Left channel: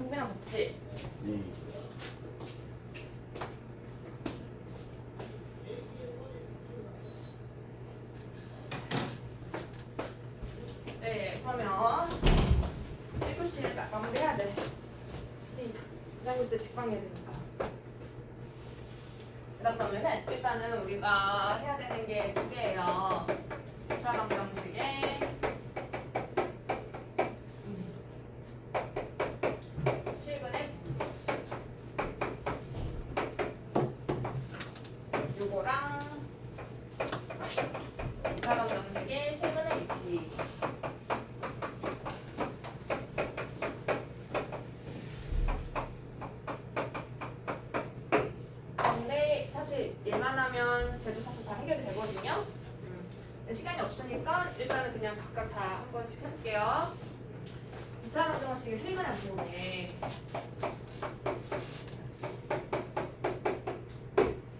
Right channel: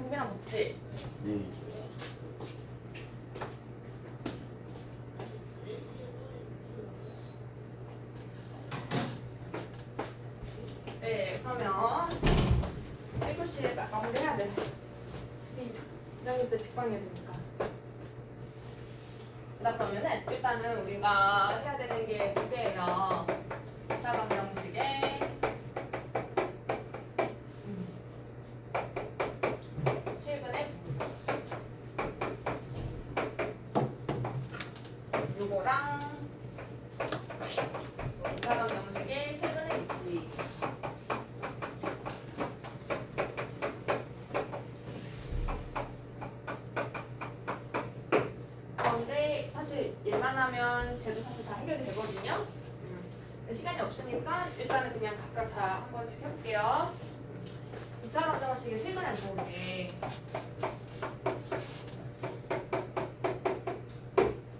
승빈아 덥지? 네. 네, 그러면 1교시 마무리해야 돼. 기다릴 때 직방해야 되니까. 그러면은 일단은 우리가 해야 되는 게 두 개예요. 2차 방정식에 실근의 요거랑 2차 방정식의 실근의 위치. 근데 사실 일만 하면 쟤도 사실 다 해결이 되거든요. 시간이 없으니까 일단은 그냥 각각 다 한 번씩 해볼게요. 2차 방정식의 실근에 들어오게.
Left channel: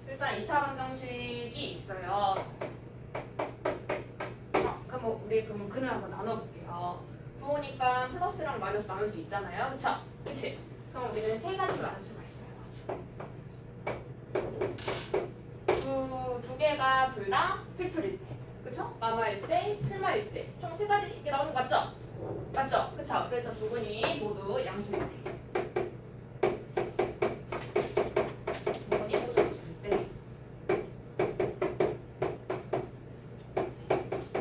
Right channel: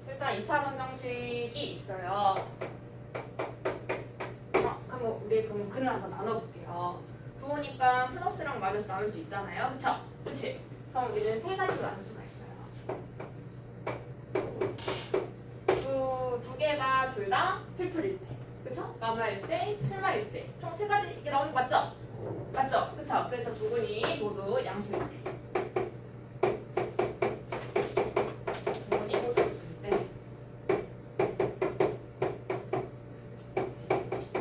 일단 2차 방정식이 있어요. 그럼 우리 그럼 글을 한번 나눠볼게요. 부호니까 플러스랑 마이너스 나눌 수 있잖아요. 그쵸? 그치? 그럼 우리는 세 가지로 나눌 수가 있어요. 두 개가 둘 다 필풀일 때. 그쵸? 마마일 때, 틀마일 때. 총 세 가지 이게 나오는 거 맞죠? 맞죠? 그쵸? 그래서 부분이 모두 양수일 때. 부분이 모두 양수일 때.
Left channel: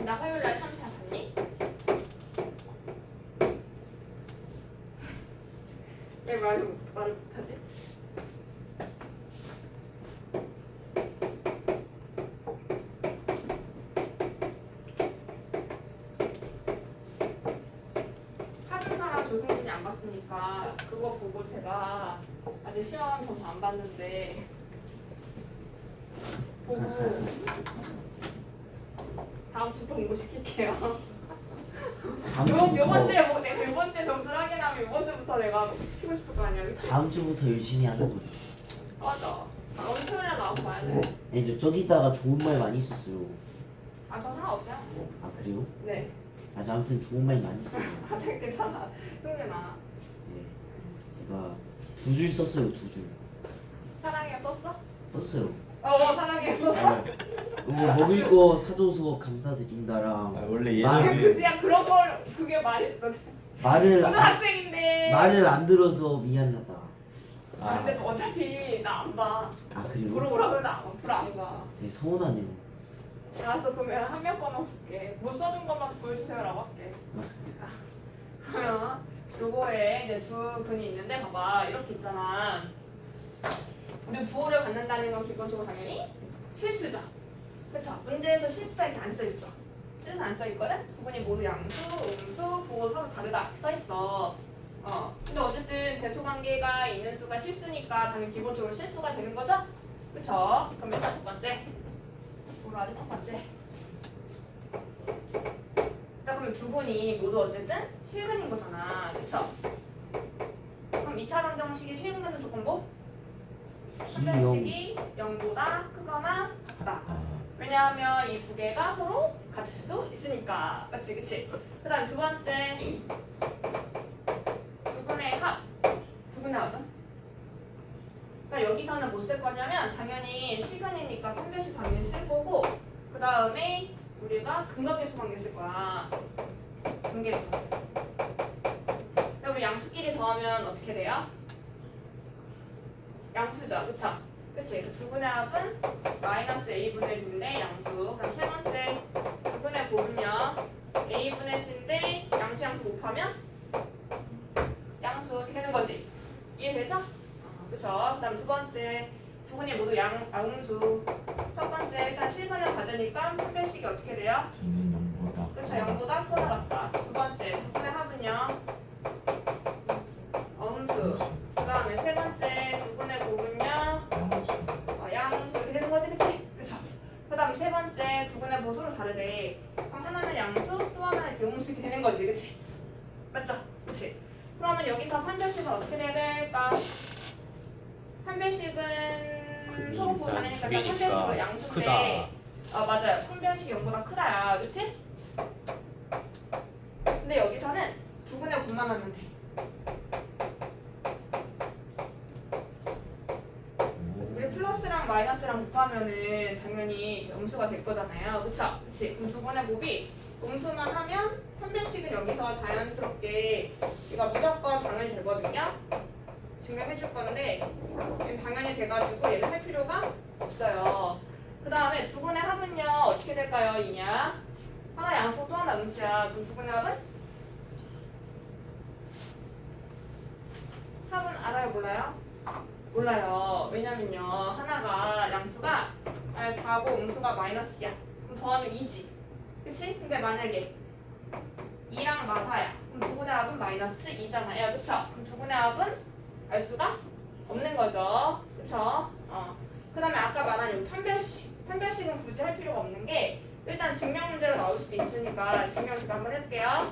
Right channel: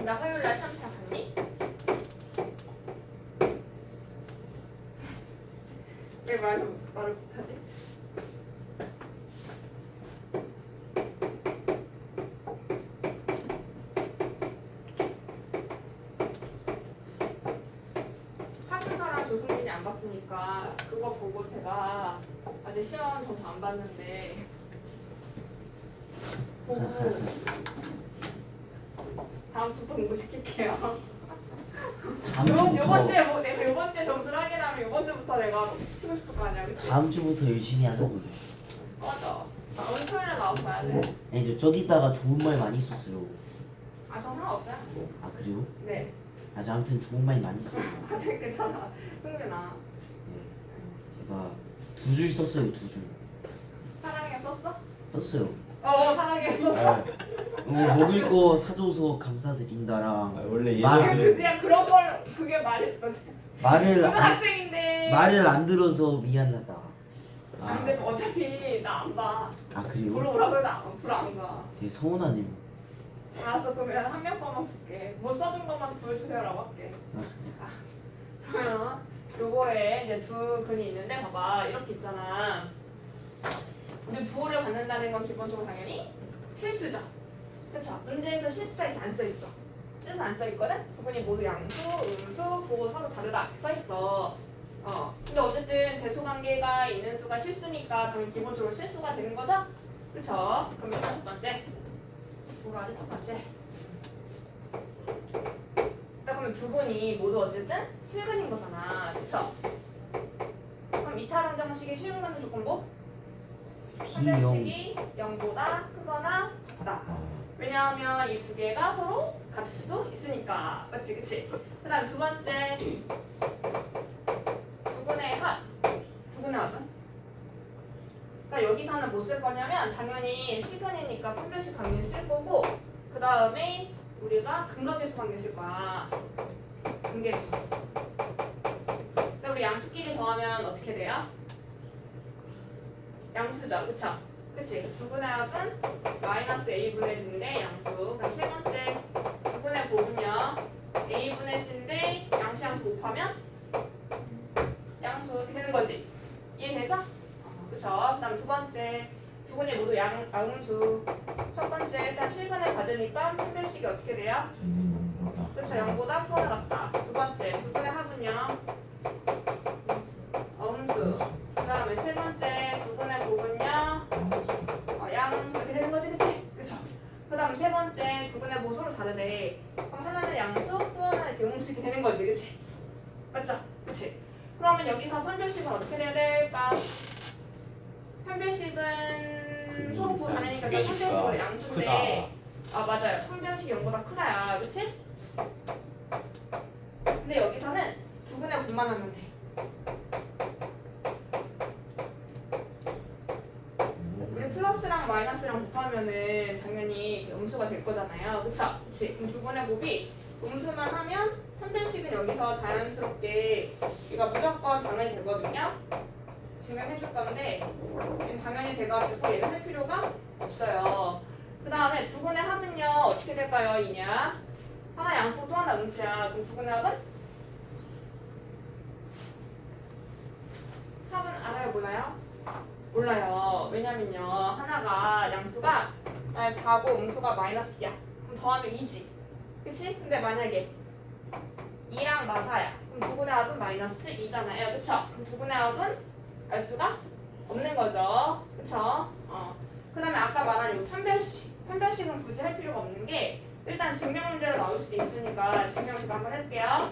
나 화요일날 샴푸랑 갔니? 왜 말을 못하지? 하준서랑 조승진이 안 봤으니까 그거 보고 제가 아직 시험 점수 안 봤는데 보고 다음 주부터 공부시킬게요. 요번 주에 뭐 내가 요번 주에 점수를 확인하면 요번 주부터 내가 시키고 싶을 거 아니야, 그치? 다음 주부터 열심히 하는 거죠. 맞아. 다음 토요일에 나오고 봐야 돼. 네, 저기다가 좋은 말 많이 있었어요. 아, 저 상관없어요. 아 그래요? 네. 아, 저 아무튼 좋은 말 많이 있어요. 아, 괜찮아. 승민아. 네. 제가 두 줄 썼어요, 두 줄. 사랑해 썼어? 썼어요. 사랑해 썼어? 먹을 거 사줘서 감사드린다랑 원래 말- 예전에 그냥 그런 걸 그게 말했거든. 말을 고등학생인데. 말을 안 들어서 미안하다. 안 돼. 어차피 나 안 봐. 아 그래요? 물어보라 그래도 앞으로 안 봐. 되게 서운하네요. 알았어. 그러면 한 명 것만 볼게. 못 써준 것만 보여주세요라고 할게. 그러면 요거에 이제 두 근이 있는데 봐봐. 이렇게 있잖아. 우리 부호를 갖는다는 건 기본적으로 당연히 실수죠. 그쵸? 문제에서 실수가 이렇게 안 써있어. 실수 안 써있거든? 부분이 모두 양수, 음수, 부호 서로 다르다 이렇게 써있어. 근데 어쨌든 대수관계가 있는 수가 실수니까 당연히 기본적으로 실수가 되는 거죠? 그쵸? 그럼 일단 첫 번째. 뭐라 하지? 첫 번째. 그러면 두 분이 모두 어쨌든 실근인 거잖아. 그쵸? 그럼 2차 방정식의 실근 갖는 조건부? 판별식이 0보다 크거나 같다. 왜냐하면 이 두 개가 서로 같을 수도 있으니까. 맞지? 그치? 그 다음 두 번째. 두분의 합. 두분의 합은? 그러니까 여기서는 뭐 쓸 거냐면 당연히 실근이니까 판별식 관계 쓸 거고 그 다음에 우리가 근각계수 관계 쓸 거야. 근계수. 근데 우리 양수끼리 더하면 어떻게 돼요? 양수죠. 그쵸? 그치? 그 두분의 합은 마이너스 a분의 b인데 양수. 그다음 세 번째 두분의 곱은요. a분의 c인데 양수 곱하면 양수 이렇게 되는 거지. 이해되죠? 그쵸? 그다음 두 번째 두분이 모두 양수. 첫 번째 일단 실근을 받으니까 판별식이 어떻게 돼요? 그쵸? 0보다 크거나 같다. 두 번째 두분의 합은요. 음수. 그 다음에 세 번째 두분의 곱은요. 양수 이렇게 되는 거지, 그치? 그쵸? 그 다음 세 번째 두분의 보수로 다르대. 그럼 하나는 양수, 또 하나는 이렇게 음수 이렇게 되는 거지, 그치? 맞죠? 그치? 그러면 여기서 판별식은 어떻게 돼야 될까? 판별식은 서로 부호 다르니까 일단 판별식으로 양수인데 맞아요. 판별식이 0보다 크다야, 그치? 근데 여기서는 두분의 곱만 하면 돼. 마이너스랑 곱하면은 당연히 음수가 될 거잖아요. 그쵸? 그치? 그럼 두 분의 곱이 음수만 하면 판별식은 여기서 자연스럽게 이거 무조건 당연히 되거든요. 증명해 줄 건데 얘는 당연히 돼가지고 얘를 할 필요가 없어요. 그 다음에 두 분의 합은요 어떻게 될까요? 이냐? 하나 양수 또 하나 음수야. 그럼 두 분의 합은? 합은 알아요? 몰라요? 몰라요. 왜냐면요 하나가 양수가 4고 음수가 마이너스야. 그럼 더하면 2지. 그치? 근데 만약에 2랑 마사야. 그럼 두 분의 합은 마이너스 2잖아요. 그쵸? 그럼 두 분의 합은 알 수가 없는 거죠. 그쵸? 그 다음에 아까 말한 요 판별식. 판별식은 굳이 할 필요가 없는 게 일단 증명 문제가 나올 수도 있으니까 증명 제가 한번 해볼게요.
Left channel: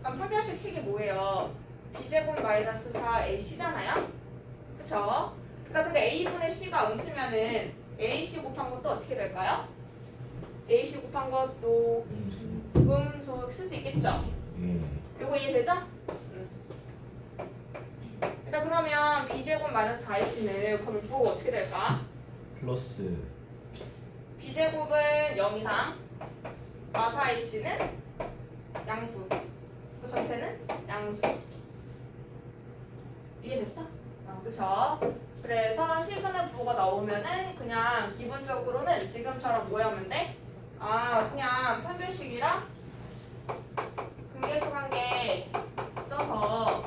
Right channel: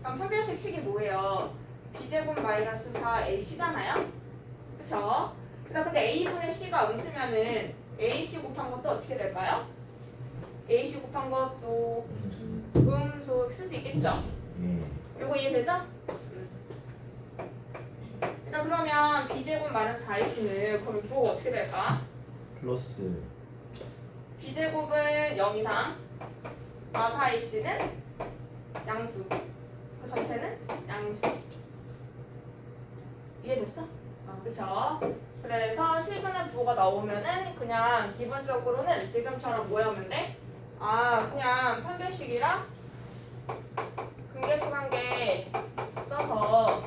그럼 판별식 식이 뭐예요? b제곱 마이너스 4ac잖아요? 그쵸? 그러니까 근데 a분의 c가 음수면은 ac 곱한 것도 어떻게 될까요? ac 곱한 것도 음수 쓸 수 있겠죠? 요거 이해되죠? 그러니까 그러면 b제곱 마이너스 4ac는 그럼 부호가 어떻게 될까? 플러스 b제곱은 0 이상 마사ac는 양수 그 전체는 양수 이해됐어? 그쵸? 그래서 실근의 부호가 나오면은 그냥 기본적으로는 지금처럼 뭐 하면 돼? 그냥 판별식이랑 근계수관계 써서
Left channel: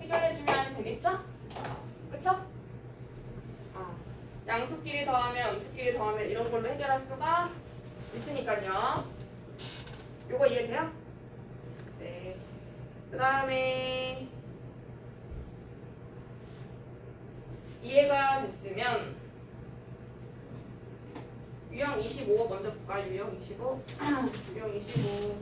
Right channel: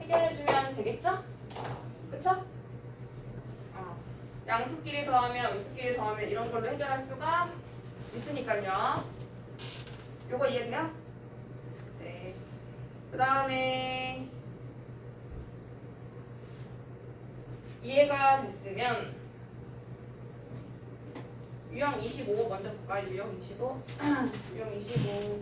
해결해주면 되겠죠? 그쵸? 양수끼리 더하면 음수끼리 더하면 이런 걸로 해결할 수가 있으니까요. 요거 이해돼요? 네. 그 다음에 이해가 됐으면 유형 25 먼저 볼까요? 유형 25 유형 25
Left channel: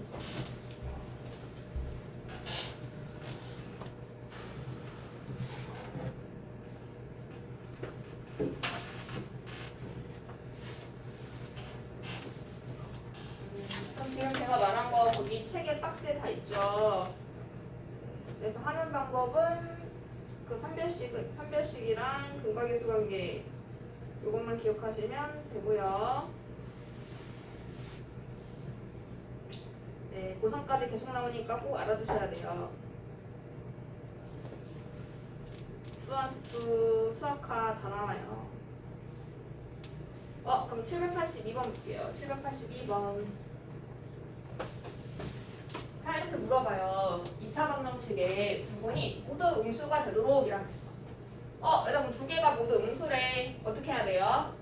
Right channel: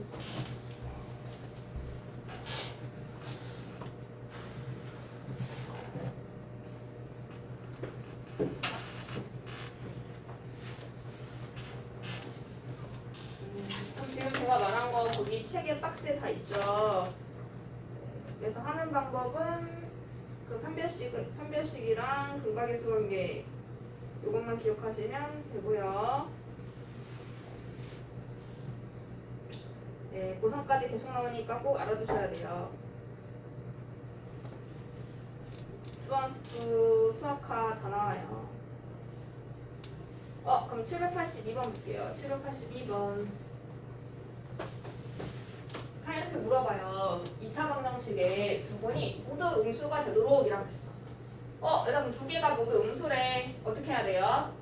그럼 지금 제가 말한 거 거기 책에 박스에 다 있죠. 그래서 하는 방법은 그 판별식이랑 근각계수 관계 요것만 기억하시면 되고요. 네, 고3까지 계속 나오니까 꼭 알아두셔야 돼요. 수학수, 수학화 다 나와요. 그럼 782번 볼게요. 782번. 이렇게 물어봐요. 2차 방정식에 두 분이 모두 음수가 되도록 이라고 했어. 여러분 두 개가 모두 음수래. 어떻게 해야 돼요?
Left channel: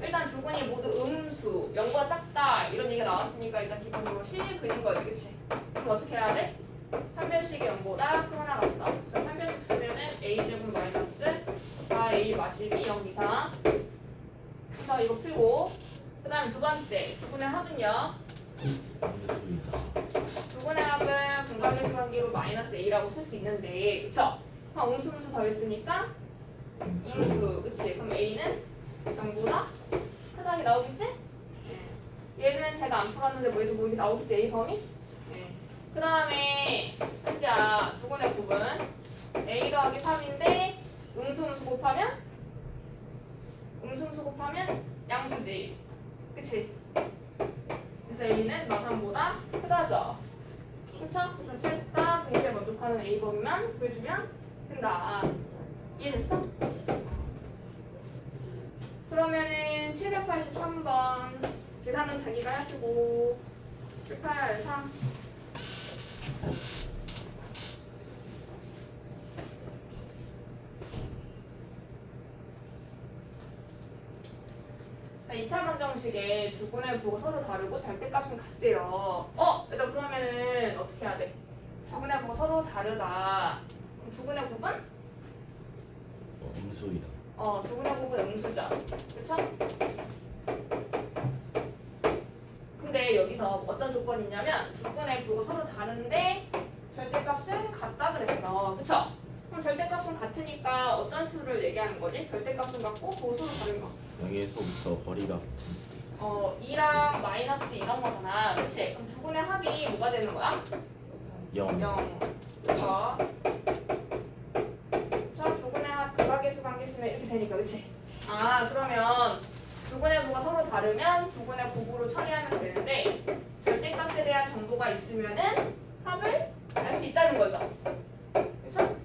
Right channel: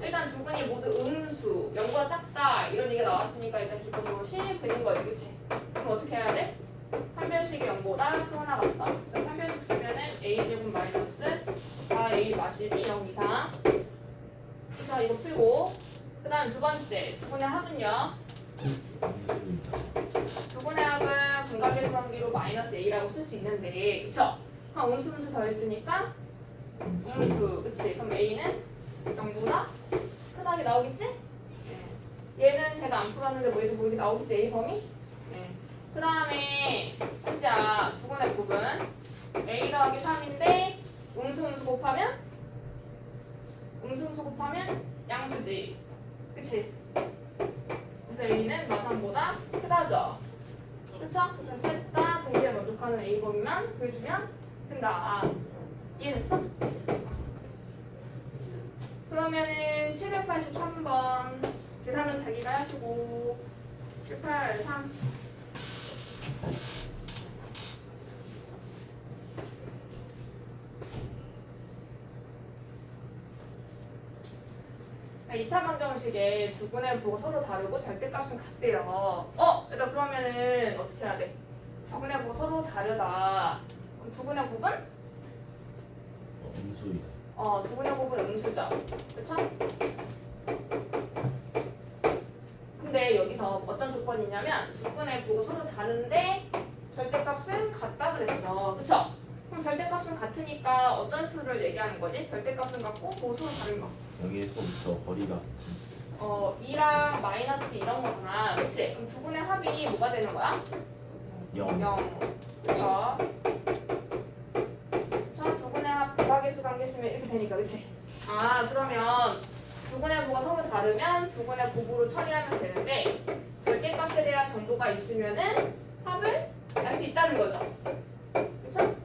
일단 두 분이 모두 음수, 0보다 작다 이런 얘기가 나왔으니까 일단 기본적으로 식 그린 거지, 그치? 그럼 어떻게 해야 돼? 판별식이 0보다 큰 하나 같다. 그래서 판별식 쓰면은 a제곱 마이너스 4a 마실이 0 이상. 자 이거 풀고 그 다음 두 번째 두 분의 합은요? 두 분의 합은 분각계수 관계로 마이너스 a라고 쓸 수 있는데 그쵸? 그럼 음수 더했으니까 음수 그치? 그럼 a는 0보다 크다게 나오겠지? 네. 얘는 제가 안 풀었는데 뭐 이렇게 나오겠지? a 범위? 네. 그 다음에 현자 두 분의 곱은 a 더하기 3인데 음수 곱하면 양수지 그치? 그래서 a는 마삼보다 크다죠. 그쵸? 그래서 셋 다 동시에 만족하는 A범위만 보여주면 된다. 이해됐어? 그러면은 783번 계산은 자기가 하시고 783 2차 방정식에 두 분의 부호가 서로 다르고 절대값은 같대요. 얘들아 그러면은 어떻게 해야 돼? 두 분의 부호가 서로 다르다. 그럼 두 분의 곱은? 음수이다. 두 분의 곱은 음수죠. 그쵸? 근데 여기서 어떤 조건이 있냐면 두 분의 부호가 서로 다른데 절대값은 같다 그랬어. 그쵸? 그럼 절대값은 같으니까 어떤 수를 얘기하는 거지? 절대값은 같고 부호 서로 다른 거. 여기에서부터 거리가 2랑 마이너스 이런 거잖아. 그치? 그럼 두 분의 합이 뭐가 되는 거야? 0. 0. 그쵸? 자, 두 분의 합, 극악의 있으면 이렇게 되니까, 그치? 아, 그러면 두근의 부가 서로 다르면 두근의 곱으로 처리하면 되는데 절대값에 대한 정보가 있으면은 합을 알 수 있다는 거죠. 그쵸?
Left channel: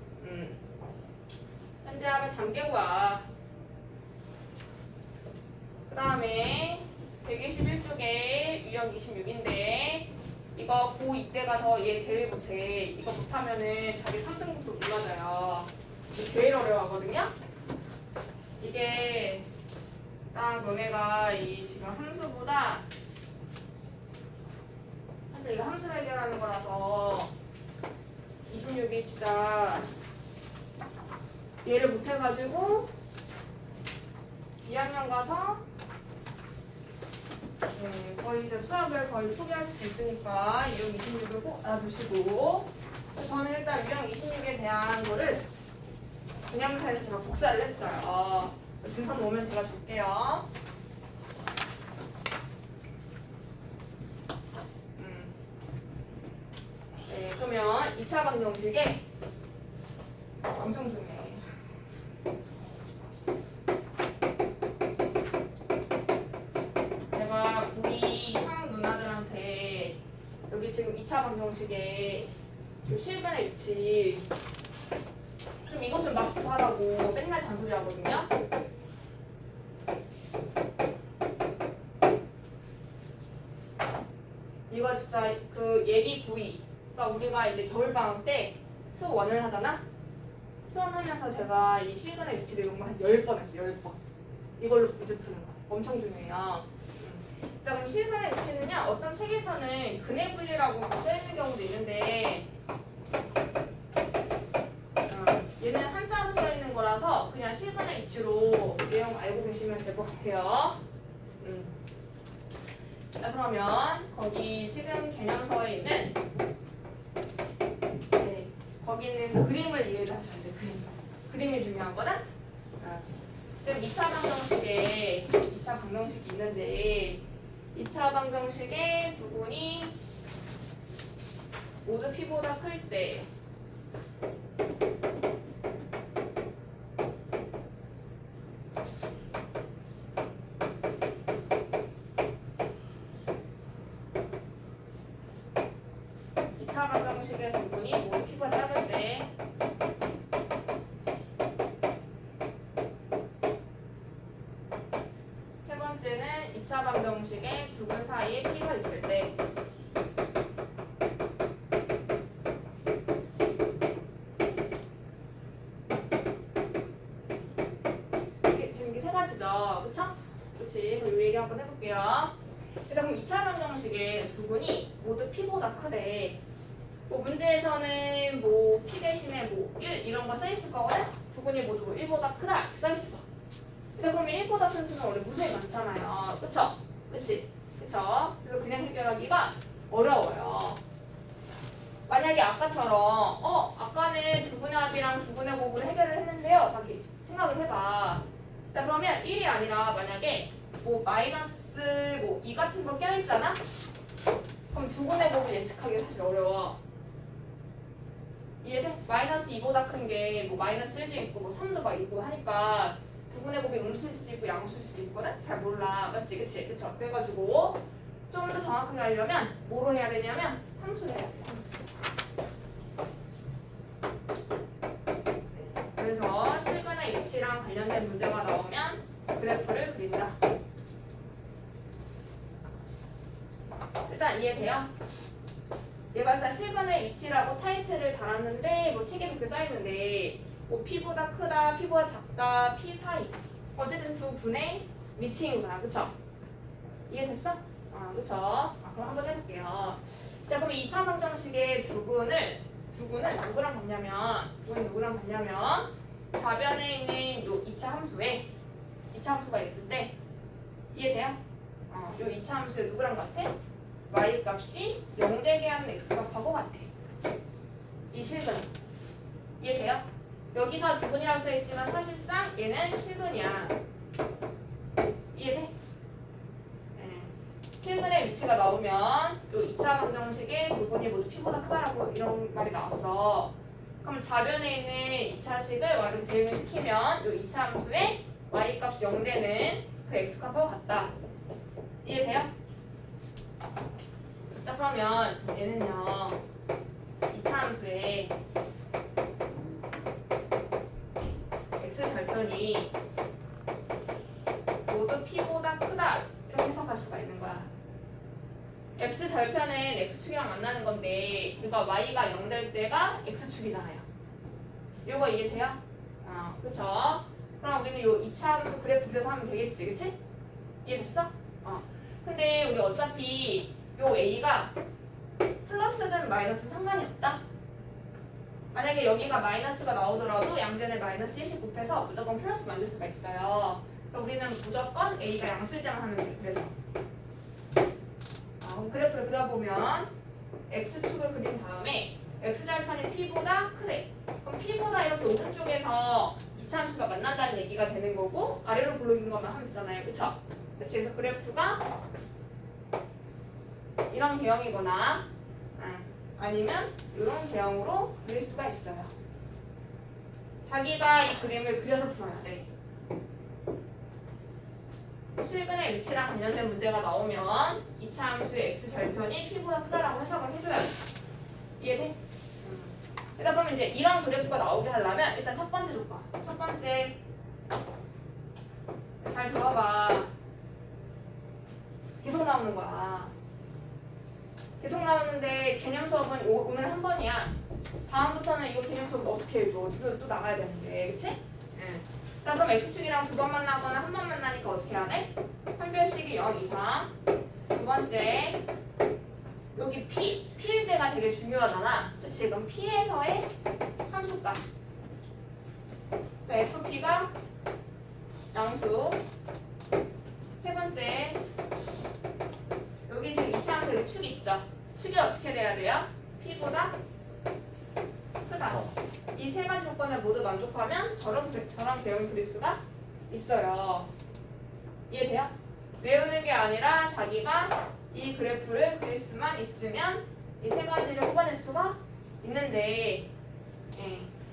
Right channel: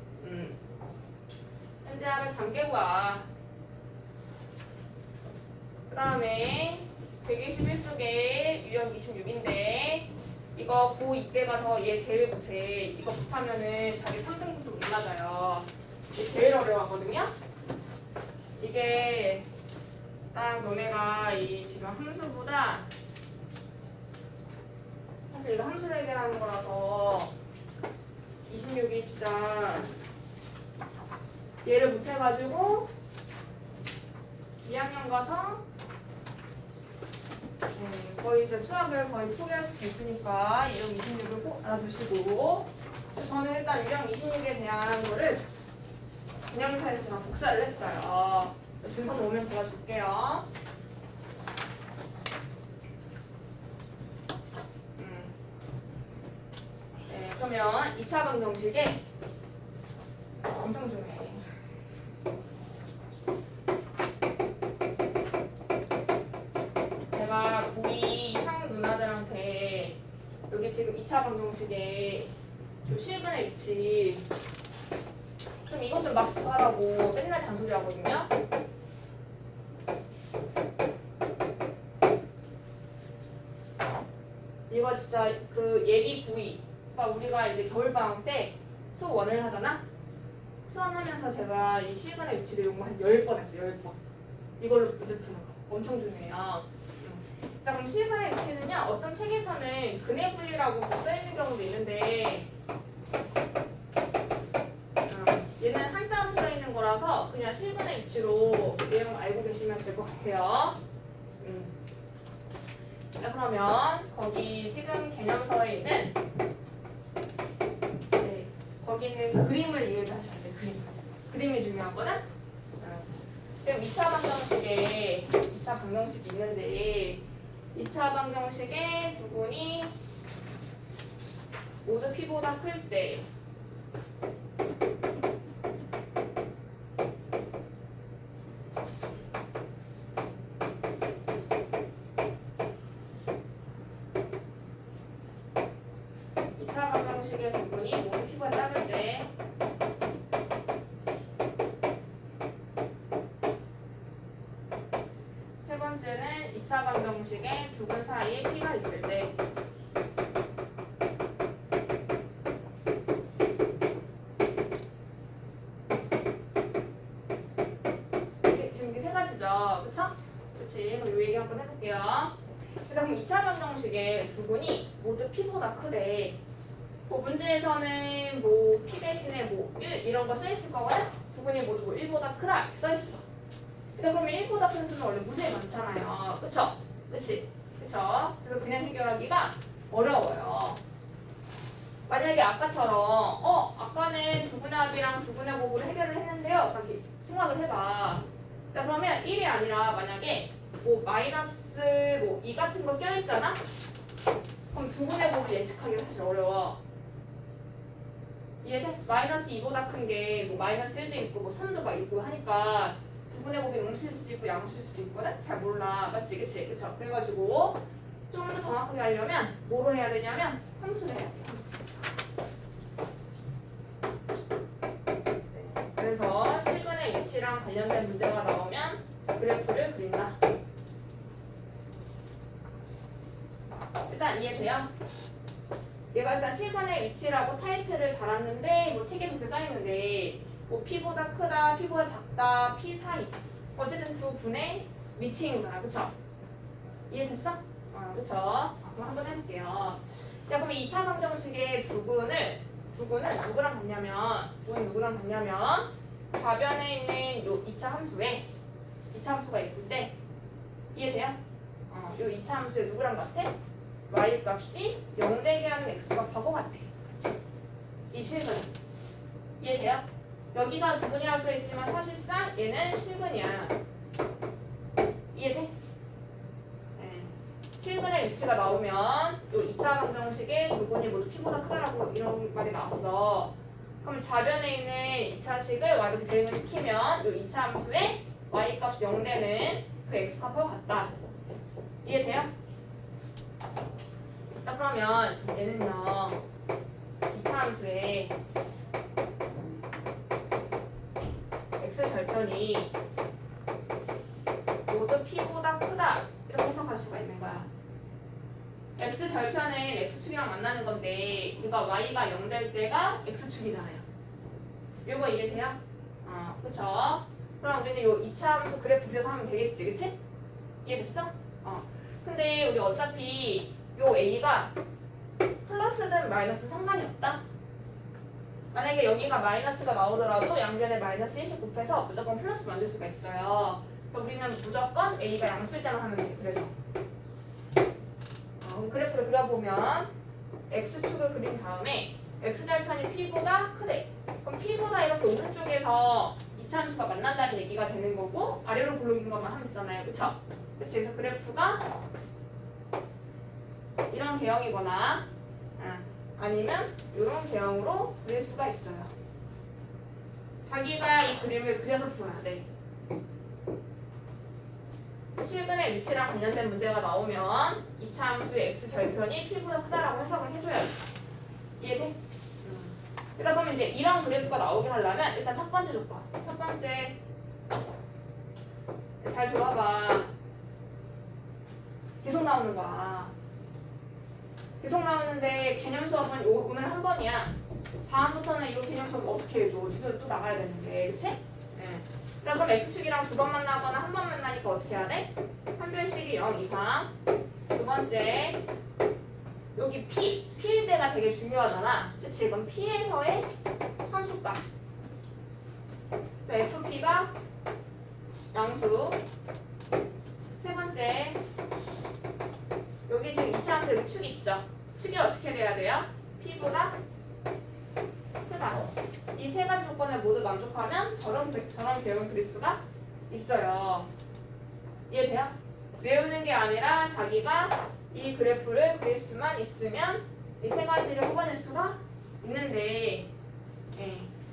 현재 합을 잠깨고 와. 그 다음에 121쪽에 유형 26인데 이거 고2 때 가서 얘 제일 못해. 이거 못하면은 자기 3등급도 못 맞아요. 이게 제일 어려워하거든요. 이게 딱 너네가 이 지금 함수보다 사실 이거 함수 해결하는 거라서 26이 진짜 얘를 못해가지고 2학년 가서 거의 이제 수학을 거의 포기할 수 있으니까 유형 26을 꼭 알아두시고 저는 일단 유형 26에 대한 거를 분양사에서 제가 복사를 했어요. 증선 오면 제가 줄게요. 네, 그러면 2차 방정식에 엄청 중요해. 제가 우리 형 누나들한테 여기 지금 2차 방정식에 요 실근의 위치 좀 이것 좀 마스터하라고 맨날 잔소리 하거든요. 이거 진짜 그 예비 구이. 그러니까 우리가 이제 겨울방학 때 수업 1을 하잖아? 수업하면서 제가 이 실근의 위치 내용을 한 10번 했어요. 10번. 이걸로 문제 푸는 거. 엄청 중요해요. 그러니까 그럼 실근의 위치는요. 어떤 책에서는 근해 분리라고 써있는 경우도 있는데 얘는 한자로 써있는 거라서 그냥 실근의 위치로 내용 알고 계시면 될 것 같아요. 자, 그러면 거기 지금 개념서에 있는 거기 있는 그 그림을 이해를 하시면 돼. 그림이 중요하거든. 지금 2차 방정식에 2차 방정식이 있는데 2차 방정식에 두근이 모두 p보다 클 때 방정식의 두근이 모두 p가 작을 때 세 번째는 2차 방정식의 두근 사이에 p가 있을 때 지금 이게 세 가지죠. 그쵸? 그치? 그럼 이 얘기 한번 해볼게요. 그럼 2차 방정식의 두근이 모두 p보다 크대. 뭐 문제에서는 뭐 p 대신에 뭐 1 이런 거 써있을 거거든? 두근이 모두 뭐 1보다 크다 이렇게 써있어. 그러면 1보다 큰 수는 원래 무수히 많잖아요. 그쵸? 그치? 그쵸? 그래서 그냥 해결하기가 어려워요. 만약에 아까처럼 아까는 두근의 합이랑 두근의 곱으로 해결을 했는데요. 이렇게 생각을 해봐. 자, 그러면 1이 아니라 만약에 뭐 마이너스 뭐 2 같은 거 껴있잖아? 그럼 두근의 곱을 예측하기 사실 어려워. 이해돼? 마이너스 2보다 큰 게 뭐 마이너스 1도 있고 뭐 3도 막 있고 하니까 두근의 곱이 음수일 수도 있고 양수일 수도 있거든? 잘 몰라. 맞지? 그치? 그쵸? 그래가지고 조금 더 정확하게 하려면 뭐로 해야 되냐면 함수를 해야 돼. 네. 그래서 실근의 위치랑 관련된 문제가 나오면 그래프를 그린다. 일단 이해돼요? 얘가 일단 실근의 위치라고 타이틀을 달았는데 뭐 책에 그렇게 써있는데 뭐 p보다 크다, p보다 작다, p 사이 어쨌든 두 분의 위치인 거야. 그쵸? 이해됐어? 그쵸? 그럼 한번 해볼게요. 자, 그럼 2차 방정식의 두근은 누구랑 같냐면 좌변에 있는 요 2차 함수에 2차 함수가 있을 때 이해돼요? 요 2차 함수에 누구랑 같아? y 값이 0 되게 하는 x 값하고 같아. 이 실근 이해돼요? 여기서 두근이라고 써있지만 사실상 얘는 실근이야. 이해돼? 네. 실근의 위치가 나오면 요 2차 방정식에 두근이 모두 p보다 크다라고 이런 말이 나왔어. 그럼 좌변에 있는 2차식을 y로 대응을 시키면 이 2차 함수의 y값이 0되는 그 x값하고 같다. 이해돼요? 자, 그러면 얘는요 2차 함수의 x 절편이 모두 p보다 크다 이렇게 해석할 수가 있는 거야. x 절편은 x축이랑 만나는 건데 이거 y가 0 될 때가 x축이잖아요. 이거 이해돼요? 그쵸? 그럼 우리는 요 2차 함수 그래프 그려서 하면 되겠지, 그치? 이해됐어? 근데 우리 어차피 요 a가 플러스든 마이너스는 상관이 없다. 만약에 여기가 마이너스가 나오더라도 양변에 마이너스 1씩 곱해서 무조건 플러스 만들 수가 있어요. 그래서 우리는 무조건 a가 양수일 때만 하면 돼. 그래서 그럼 그래프를 그려보면 x축을 그린 다음에 x절편이 p보다 크대. 그럼 p보다 이렇게 오른쪽에서 2차 함수가 만난다는 얘기가 되는 거고 아래로 블록인 것만 하면 되잖아요. 그쵸? 그래서 그래프가 이런 개형이거나 아니면 이런 개형으로 그릴 수가 있어요. 자기가 이 그림을 그려서 풀어야 돼. 실근의 위치랑 관련된 문제가 나오면 2차 함수의 x절편이 p보다 크다라고 해석을 해줘야 돼. 이해돼? 일단 그러면 이제 이런 그래프가 나오게 하려면 일단 첫 번째 조건. 첫 번째 잘 들어봐. 계속 나오는 거야. 계속 나오는데 개념 수업은 오늘 한 번이야. 다음부터는 이거 개념 수업 어떻게 해줘? 지금 또 나가야 되는데, 그치? 일단 그럼 x축이랑 두 번 만나거나 한 번 만나니까 어떻게 해야 돼? 한 별씩이 0 이상. 두 번째 여기 p일 때가 되게 중요하잖아. 그치? 그럼 p에서의 함수값. 자, fp가 양수. 세 번째 여기 지금 2차 함수 여기 축이 있죠? 축이 어떻게 돼야 돼요? p보다 크다. 이 세 가지 조건을 모두 만족하면 저런 배움을 그릴 수가 있어요. 이해돼요? 외우는 게 아니라 자기가 이 그래프를 그릴 수만 있으면 이 세 가지를 뽑아낼 수가 있는데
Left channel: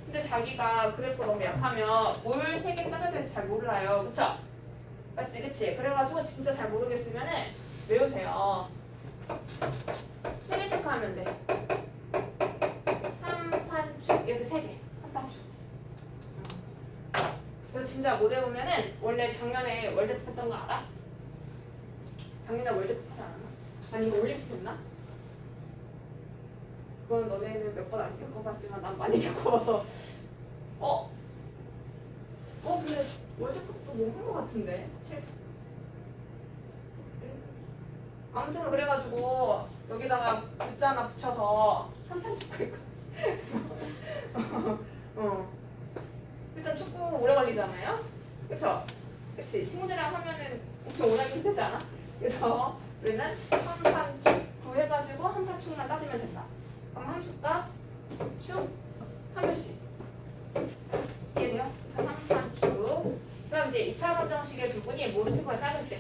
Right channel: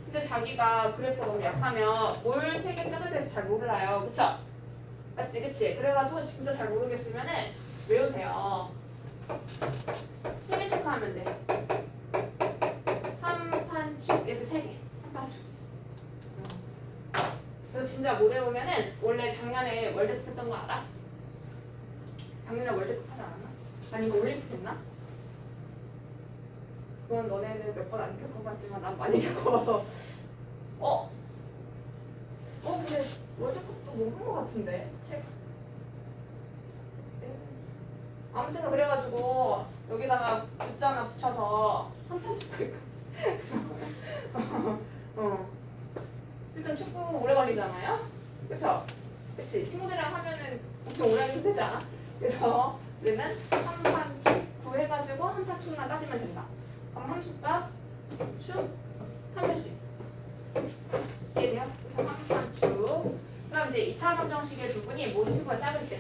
근데 자기가 그래프가 너무 약하면 뭘 세 개 짜줘야 될지 잘 몰라요. 그쵸? 맞지? 그치? 그래가지고 진짜 잘 모르겠으면은 외우세요. 세 개 체크하면 돼. 한판축 이렇게 세 개. 한판축. 그래서 진짜 못 외우면은 원래 작년에 월드컵 했던 거 알아? 작년에 월드컵 하지 않았나? 아니면 올림픽 했나? 그건 너네는 몇 번 안 겪어봤지만 난 많이 겪어봐서 근데 월드컵도 못 본 거 같은데 책 아무튼 그래가지고 여기다가 글자 하나 붙여서 한판 찍고 있고 일단 축구 오래 걸리잖아요? 그쵸? 그치? 친구들이랑 하면은 엄청 오래 힘들지 않아? 그래서 우리는 한판 축구 해가지고 한판 축만 따지면 된다. 그럼 함수값 축 한 별씩 이해돼요? 그래서 한판 축. 그다음 이제 2차 방정식의 두 분이 모두 피부가 작을 때.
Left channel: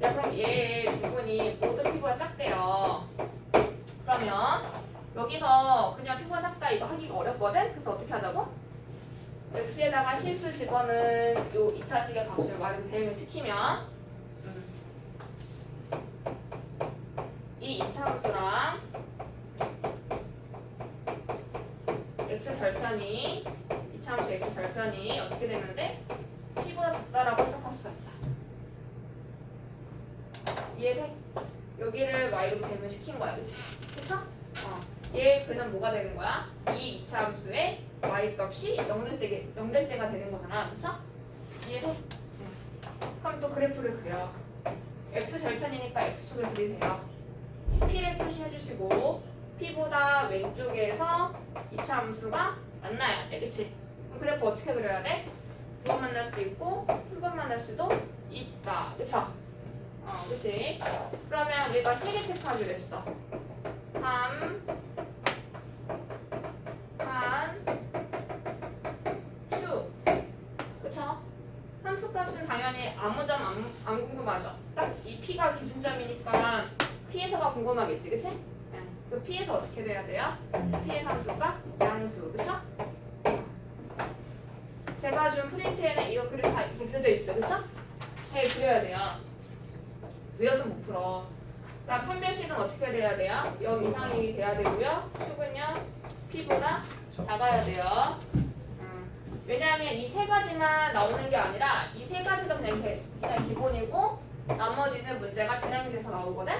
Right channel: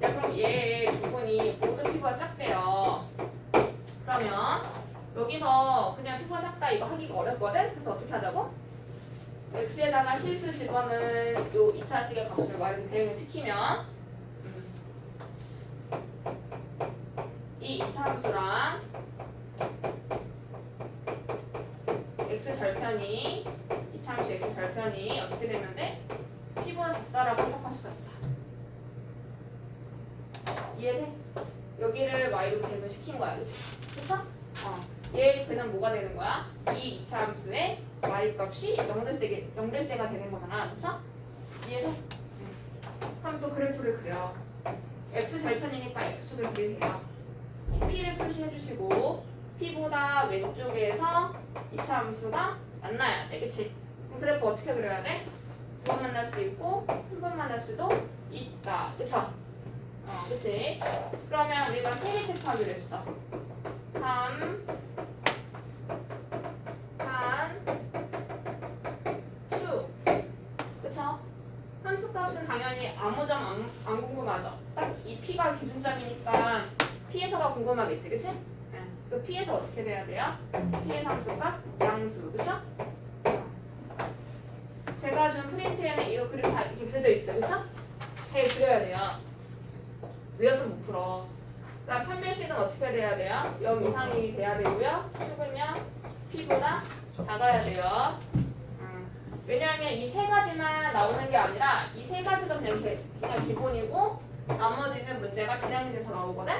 자, 그럼 얘 두 분이 모두 피부가 작대요. 그러면 여기서 그냥 피부가 작다 이거 하기가 어렵거든? 그래서 어떻게 하자고? x에다가 실수 집어는 요 2차식의 값을 y로 대응을 시키면 이 2차 함수랑 x절편이 2차 함수 x절편이 어떻게 되는데 p보다 작다라고 해석할 수가 있다. 이해돼? 여기를 y로 대응을 시킨 거야, 그치? 그쵸? 얘 그는 뭐가 되는 거야? 이 2차 함수의 y 값이 0 될 때가 되는 거잖아, 그쵸? 이해돼? 그럼 또 그래프를 그려. x절편이니까 x축을 그리세요. p를 표시해 주시고 p보다 왼쪽에서 2차 함수가 만나야 돼, 그치? 그럼 그래프 어떻게 그려야 돼? 두 번 만날 수도 있고 한 번 만날 수도 있다, 그쵸? 그치? 그러면 우리가 세 개 체크하기로 했어. 3, 반, 축. 그쵸? 함수값은 당연히 아무 점 안 궁금하죠? 딱 이 p가 기준점이니까 P에서가 궁금하겠지, 그치? 네. 그 P에서 어떻게 돼야 돼요? P의 함수가 양수, 그쵸? 제가 준 프린트에는 이거 그림 다 이렇게 그려져 있죠, 그쵸? 잘 그려야 돼요. 외워서 못 풀어. 그다음 판별식은 어떻게 돼야 돼요? 0 이상이 돼야 되고요. 축은요 P보다 작아야 돼요. 왜냐하면 이 세 가지만 나오는 게 아니라 이 세 가지가 그냥 기본이고 나머지는 문제가 변형이 돼서 나오거든.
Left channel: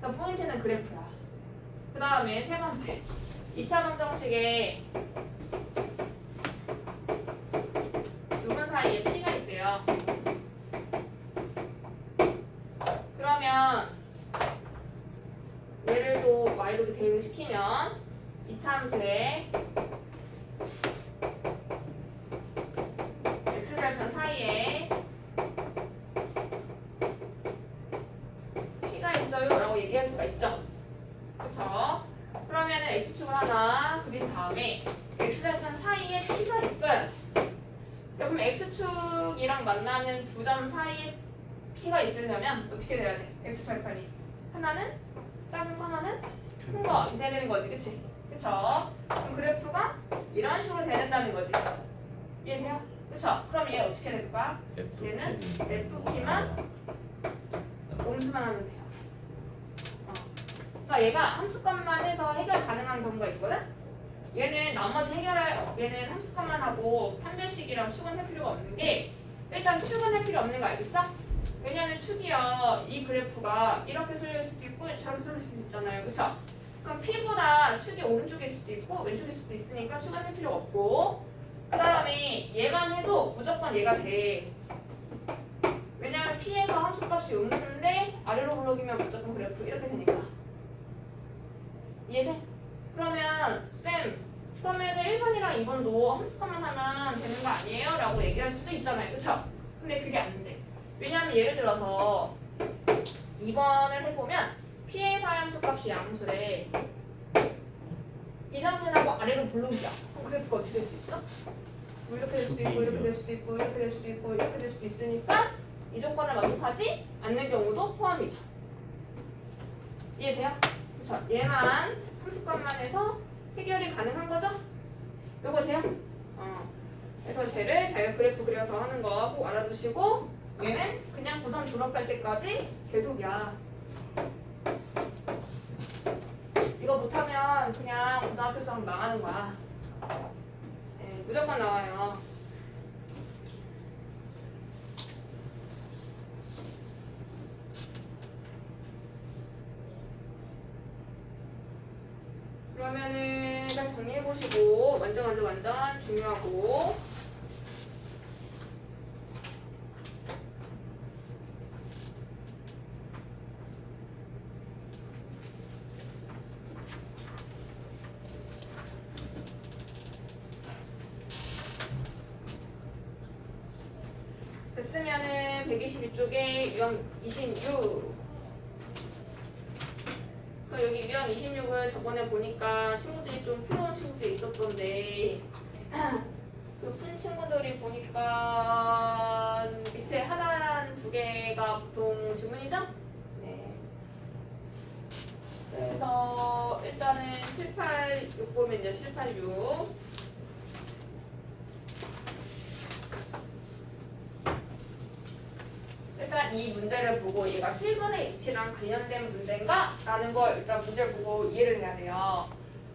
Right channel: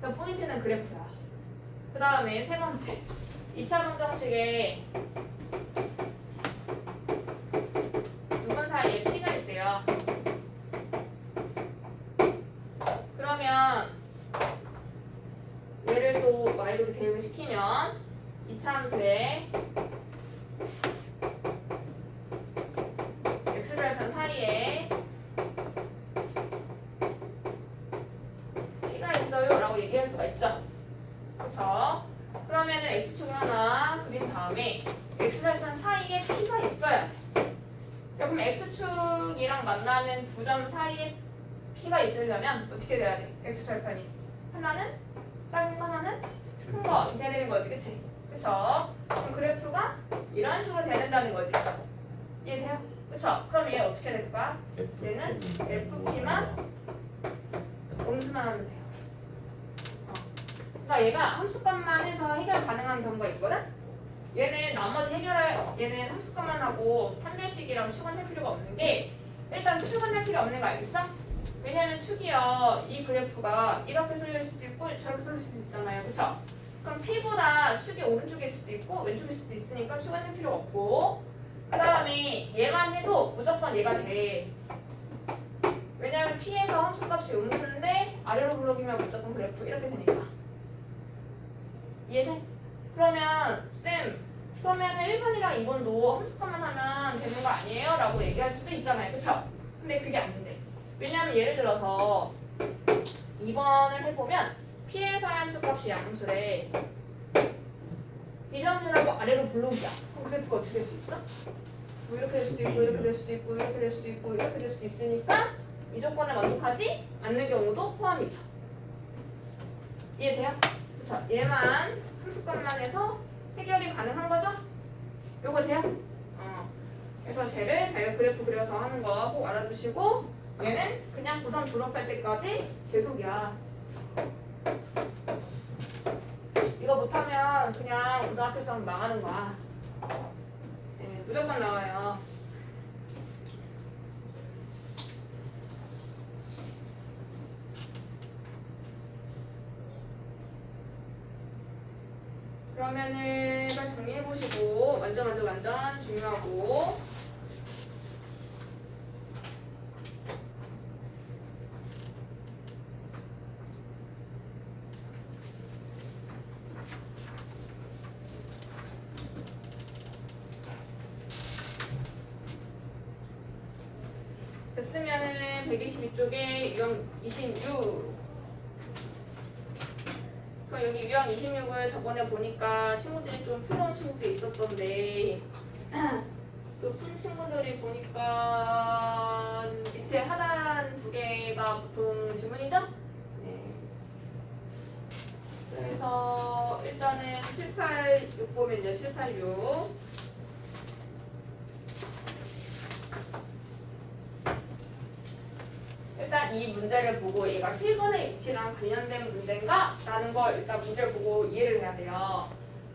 그래서 포인트는 그래프야. 그 다음에 세 번째 2차 방정식에 두 분 사이에 P가 있대요. 그러면 얘를 또 y로 이렇게 대응을 시키면 이차함수에 x절편 사이에 P가 있어요 라고 얘기할 수가 있죠. 그쵸? 그러면은 x축을 하나 그린 다음에 x절편 사이에 P가 있어요. 그럼 x축이랑 만나는 두 점 사이에 P가 있으려면 어떻게 돼야 돼? x절편이 하나는 작은 거 하나는 큰 거 이렇게 돼야 되는 거지, 그치? 그쵸? 그럼 그래프가 이런 식으로 돼야 된다는 거지. 이해돼요? 그쵸? 그럼 얘 어떻게 될까? 얘는 FP만 음수만 하면 돼요. 그러니까 얘가 함수값만 해서 해결 가능한 경우가 있거든? 얘는 나머지 얘는 함수값만 하고 판별식이랑 축은 할 필요가 없는 게 일단 축은 할 필요 없는 거 알겠어? 왜냐면 축이요 이 그래프가 이렇게 쏠릴 수도 있고 저렇게 쏠릴 수도 있잖아요, 그쵸? 그럼 P보다 축이 오른쪽일 수도 있고 왼쪽일 수도 있으니까 축은 할 필요가 없고 그 다음에 얘만 해도 무조건 얘가 돼. 왜냐면 P에서 함수값이 음수인데 아래로 블록이면 무조건 그래프 이렇게 되니까. 이해돼? 그러면 그러면은 1번이랑 2번도 함수값만 하면 되는 거 아니에요? 라고 얘기할 수도 있잖아요, 그쵸? 근데 그게 안 돼. 왜냐하면 예를 들어서 2번을 해보면 P에서 함수값이 양수래. 이점준하고 아래로 블록이야. 그럼 그래프가 어떻게 될 수 있어? 뭐 이렇게 될 수도 있고 이렇게 될 수도 있고 이렇게 될 수도 있고 이렇게 될 수도 있으니까 이 조건을 만족하지 않는 경우도 포함이죠. 이해돼요? 그쵸? 얘만 함수값만 해서 해결이 가능한 거죠? 요거 돼요? 그래서 쟤를 자기가 그래프 그려서 하는 거 꼭 알아두시고 얘는 그냥 고3 졸업할 때까지 계속이야. 이거 못하면 그냥 고등학교 수업 망하는 거야. 네, 무조건 나와요. 그러면은 딱 정리해보시고 완전 중요하고 됐으면은 122쪽에 유형 26 여기 유형 26을 저번에 보니까 친구들이 좀 풀어온 친구들이 있었던데 그 푼 친구들이 보니까 밑에 하단 두 개가 보통 지문이죠? 네. 그래서 일단은 786 보면요. 786 일단 이 문제를 보고 얘가 실근의 위치랑 관련된 문제인가? 라는 걸 일단 문제를 보고 이해를 해야 돼요.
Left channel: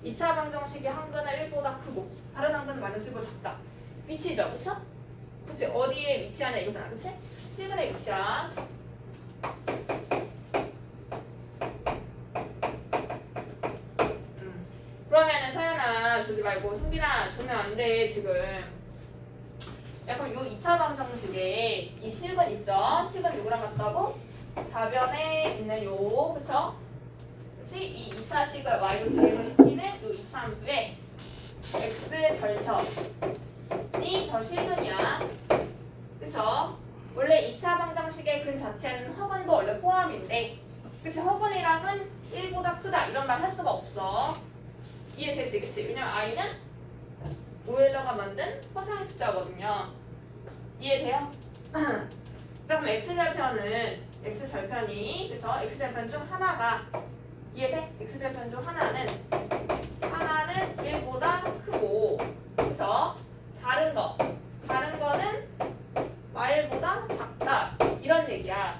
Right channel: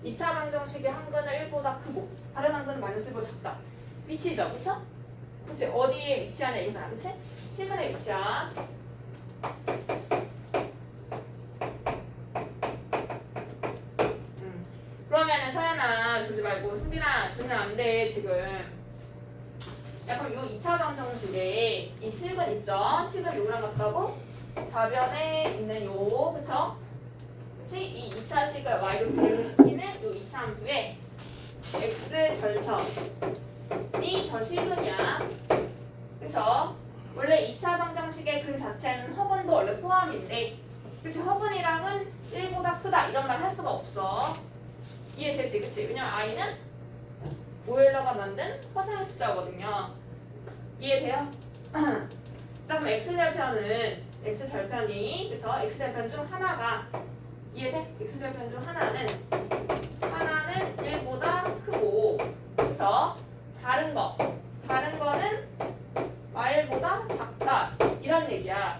2차 방정식이 한 근은 1보다 크고 다른 한 근은 마이너스 1보다 작다. 위치죠, 그쵸? 그치? 어디에 위치하냐 이거잖아, 그치? 실근의 위치야. 그러면은 서연아 조지 말고 승빈아 조면 안 돼 지금. 그럼 요 2차 방정식에 이 실근 있죠? 실근 요거랑 같다고? 좌변에 있는 요, 그쵸? 그치? 이 2차 식을 y로 대응시키는 요 2차 함수에 x절편이 저 실근이야. 그쵸? 원래 2차 방정식의 근 자체는 허근도 원래 포함인데 그치? 허근이랑은 1보다 크다 이런 말 할 수가 없어. 이해되지? 그치? 왜냐면 i는 오일러가 만든 허상의 숫자거든요. 이해돼요? 자, 그럼 x절편은 x 절편이 그쵸? x 절편 중 하나가 이해돼? x 절편 중 하나는 1보다 크고 그쵸? 다른 거는 말보다 작다 이런 얘기야.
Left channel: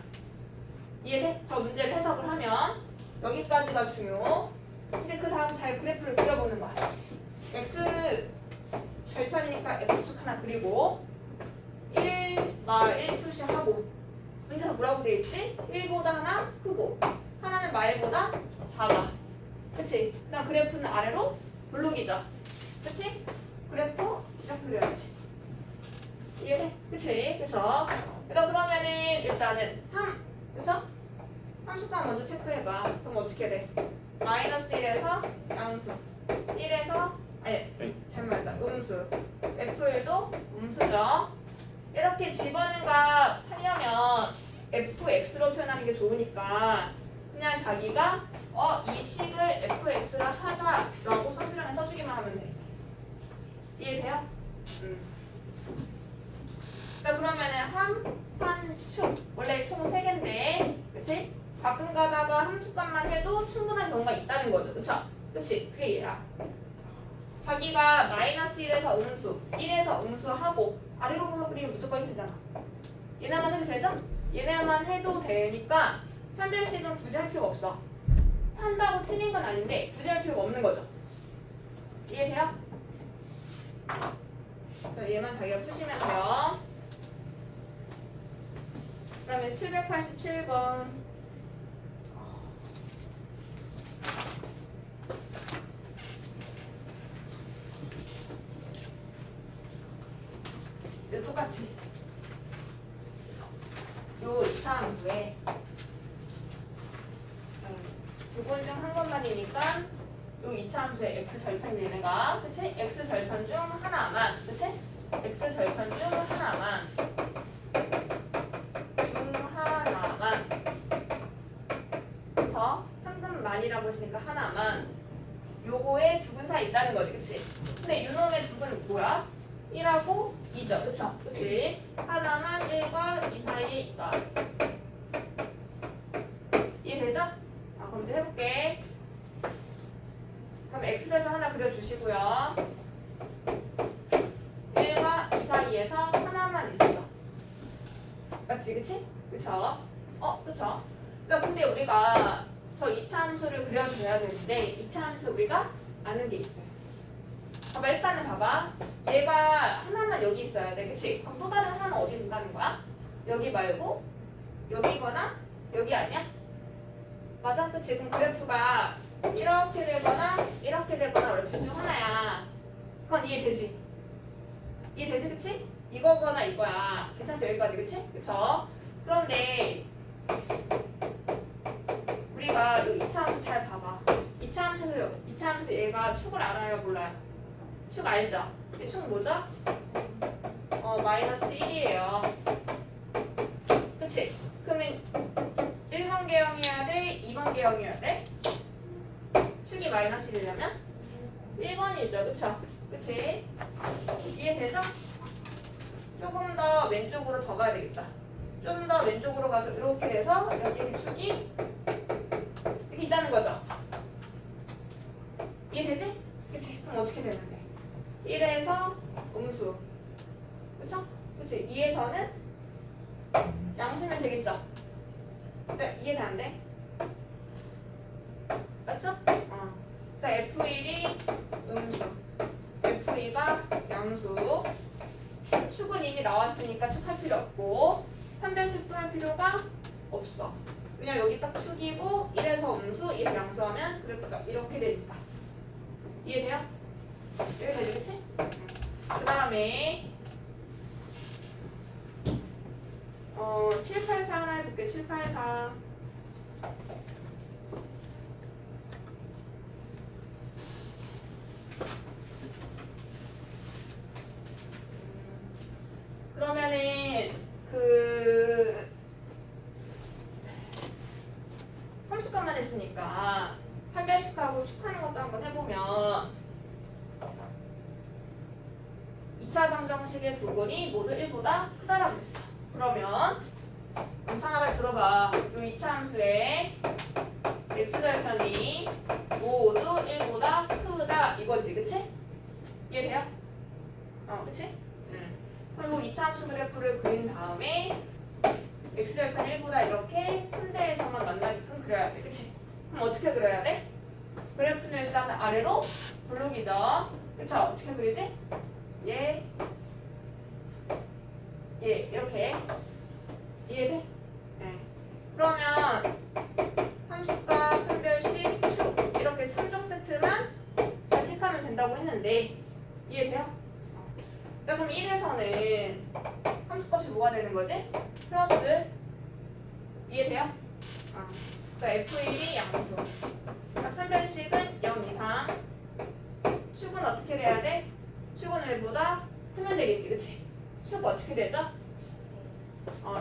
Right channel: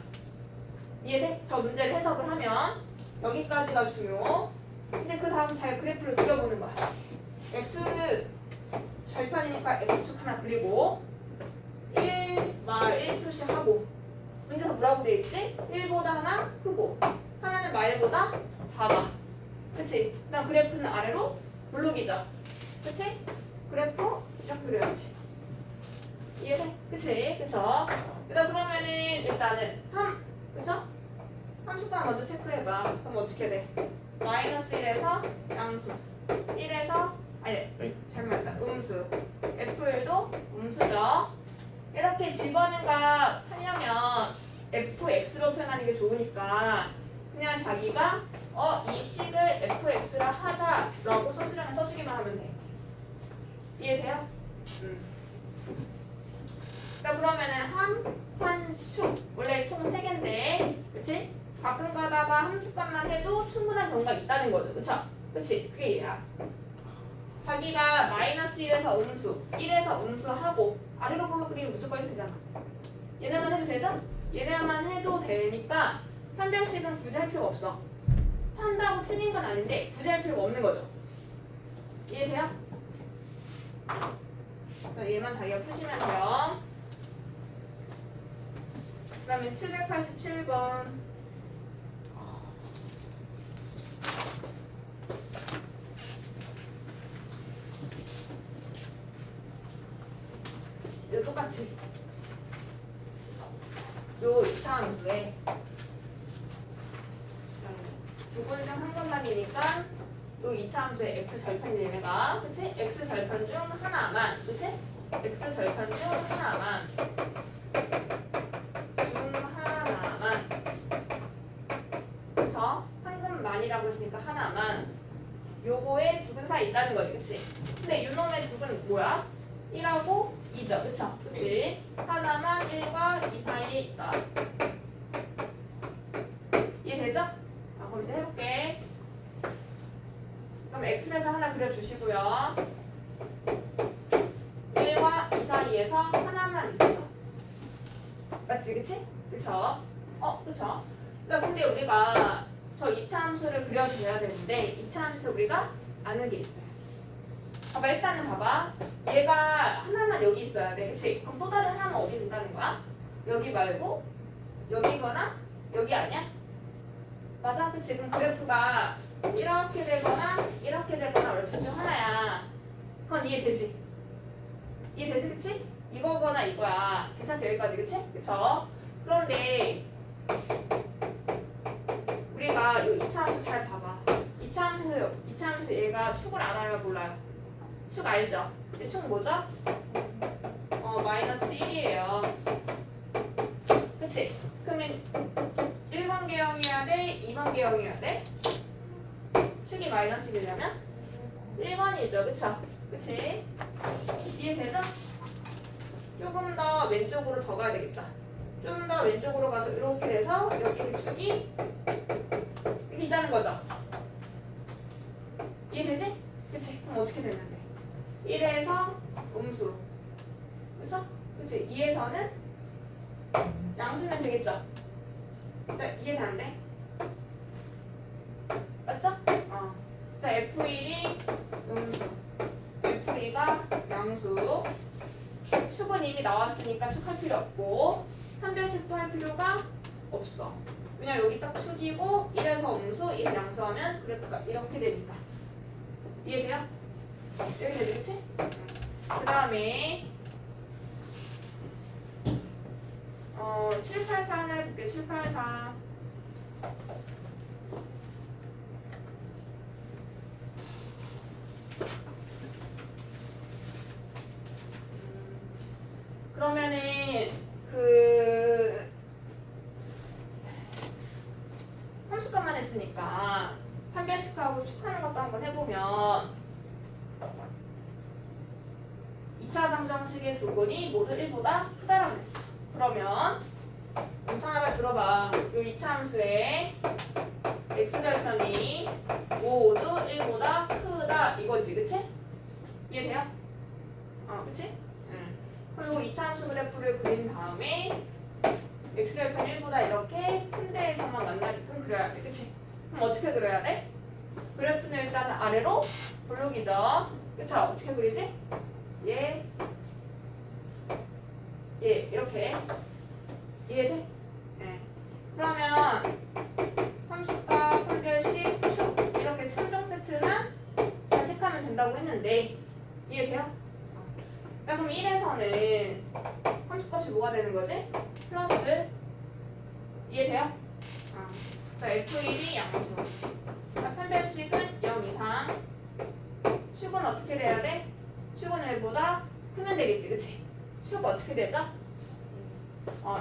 이해돼? 저 문제를 해석을 하면 여기까지가 중요. 근데 그 다음 잘 그래프를 그려보는 거야. x 절편이니까 x축 하나 그리고 1, 마 1 표시하고 문제가 뭐라고 돼 있지? 1보다 하나 크고 하나는 마일보다 작아. 그치? 그다음 그래프는 아래로 블록이죠. 그치? 그래프 이렇게 그려야지. 이해돼? 그치? 그쵸? 그러면은 일단은 그쵸? 함수값 먼저 체크해봐. 그럼 어떻게 돼? 마이너스 1에서 양수 1에서 잘못했다. 음수 F1도 음수죠. 이렇게 집어넣은 값 하려면 fx로 표현하는 게 좋으니까 그냥 자기가 이 식을 fx라 하자라고 서술형에 써주기만 하면 돼. 이해돼요? 자 그러면은 함축 원래 총 3개인데 그치? 가끔 가다가 함수값만 해도 충분한 경우가 있다는 거죠. 그쵸? 그치? 그게 얘야. 자기가 마이너스 1에서 음수 1에서 음수하고 아래로 불러 그리면 무조건 되잖아. 얘네만 해도 되죠? 얘네만 해도 되니까 판별식은 굳이 할 필요가 없어. 한다고 틀린 건 아닌데 굳이 할 필요가 없는 거죠. 이해돼요? 자, 얘만 자기가 푸시면 돼요. 그 다음에 787번 이거 똑같이 요 2차 함수에 두 번 중 한 번만이니까 요 2차 함수에 x 절편이 얘네가 그치? x 절편 중 하나만 그치? x 절편 중 하나만 그쵸? 한근만이라고 했으니까 하나만 요거에 두근 사이 있다는 거지 그치? 근데 요놈의 두근 뭐야? 1하고 2죠 그쵸? 그치? 하나만 1과 2 사이에 있다. 이해되죠? 그럼 이제 해볼게. 그럼 x절편 하나 그려주시고요. 1과 2 사이에서 하나만 있어. 맞지 그치? 그쵸? 그쵸? 근데 우리가 저 2차 함수를 그려줘야 되는데 2차 함수 우리가 아는 게 있어요. 일단은 봐봐. 얘가 하나만 여기 있어야 돼. 그치? 그럼 또 다른 하나는 어디 있다는 거야? 여기 말고 여기거나 여기 아니야? 맞아? 그치? 그럼 그래프가 이렇게 되거나 이렇게 되거나 둘 중 하나야. 그건 이해되지? 이해되지? 그치? 이거거나 이거야. 괜찮지? 여기까지 그치? 그쵸? 그런데 우리가 이 2차 함수 잘 봐봐. 2차 함수에서 얘가 축을 알아요? 몰라요? 축 알죠? 이 축 뭐죠? 마이너스 1이에요. 그치? 그러면 1번 개형이어야 돼? 2번 개형이어야 돼? 축이 마이너스 1이려면 1번이죠. 그쵸? 그치? 이해되죠? 조금 더 왼쪽으로 더 가야 되겠다. 좀 더 왼쪽으로 가서 이렇게 돼서 여기 축이 이렇게 있다는 거죠. 이해되지? 그치? 그럼 어떻게 되면 돼? 1에서 음수 그쵸? 그치? 2에서는 양수면 되겠죠? 네, 이해되는데? 맞죠? 그래서 F1이 음수 F2가 양수 축은 이미 나왔으니까 축 할 필요 없고 판별식도 할 필요가 없어. 왜냐면 여기 딱 축이고 1에서 음수 2에서 양수하면 그래프가 이렇게 되니까. 이해돼요? 이렇게 되겠지? 그 다음에 784 하나 해볼게. 784 그러면은 함수값만 했으니까 판별식하고 축하는 것도 한번 해보면 2차 방정식의 두근이 모두 1보다 크다라고 했어. 그러면 엄청나게 들어봐. 요 이차 함수의 x절편이 모두 1보다 크다 이거지, 그치? 이해돼요? 그치? 응. 그리고 이차 함수 그래프를 그린 다음에 x절편 1보다 이렇게 큰 데에서만 만나게끔 그려야 돼, 그치? 그럼 어떻게 그려야 돼? 그래프는 일단 아래로 블록이죠. 그쵸? 어떻게 그리지? 얘, 이렇게. 이해돼? 네. 그러면 함수값, 판별식, 축 이렇게 3종 세트만 잘 체크하면 된다고 했는데 이해돼요? 자, 그럼 1에서는 함수값이 뭐가 되는 거지? 플러스. 이해돼요? 자, F1이 양수. 자, 판별식은 0 이상. 축은 어떻게 돼야 돼? 축은 1보다 크면 되겠지, 그치? 축 어떻게 되죠?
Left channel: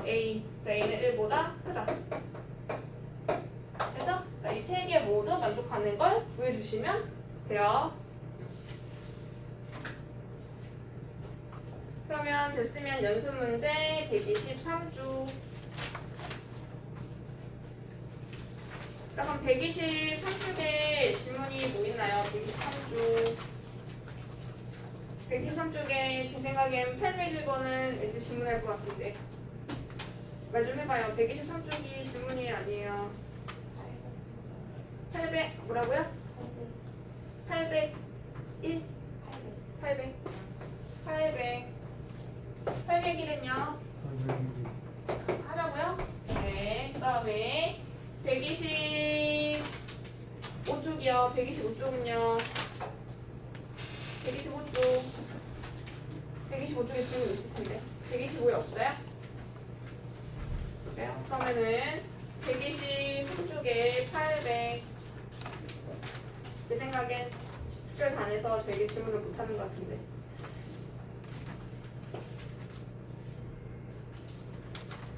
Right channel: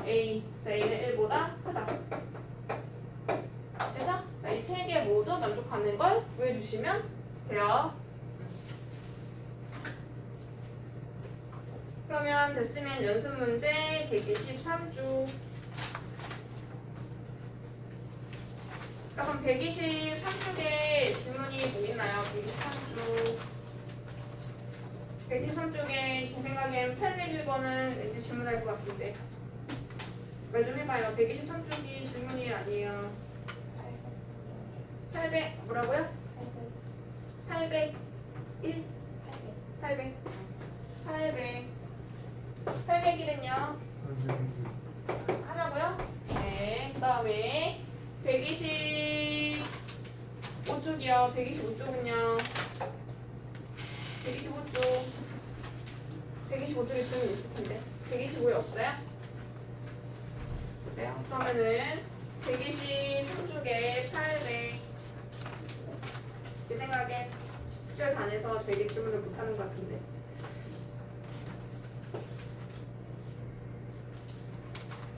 A. 자, A는 1보다 크다. 그죠? 자, 이 세 개 모두 만족하는 걸 구해주시면 돼요. 그러면 됐으면 연습 문제 123주. 그럼 123쪽에 질문이 뭐 있나요? 123쪽. 123쪽에 제 생각엔 801번은 왠지 질문할 것 같은데. 말 좀 해봐요. 123쪽이 질문이 아니에요. 800 뭐라고요? 801? 800. 801은요? 하자고요? 네. 그 다음에 125쪽이요. 125쪽은요. 125쪽에 질문 있을 텐데. 125에 없어요? 그래요? 그러면은 123쪽에 800. 제 생각엔 17절 단에서 되게 질문을 못하는 것 같은데.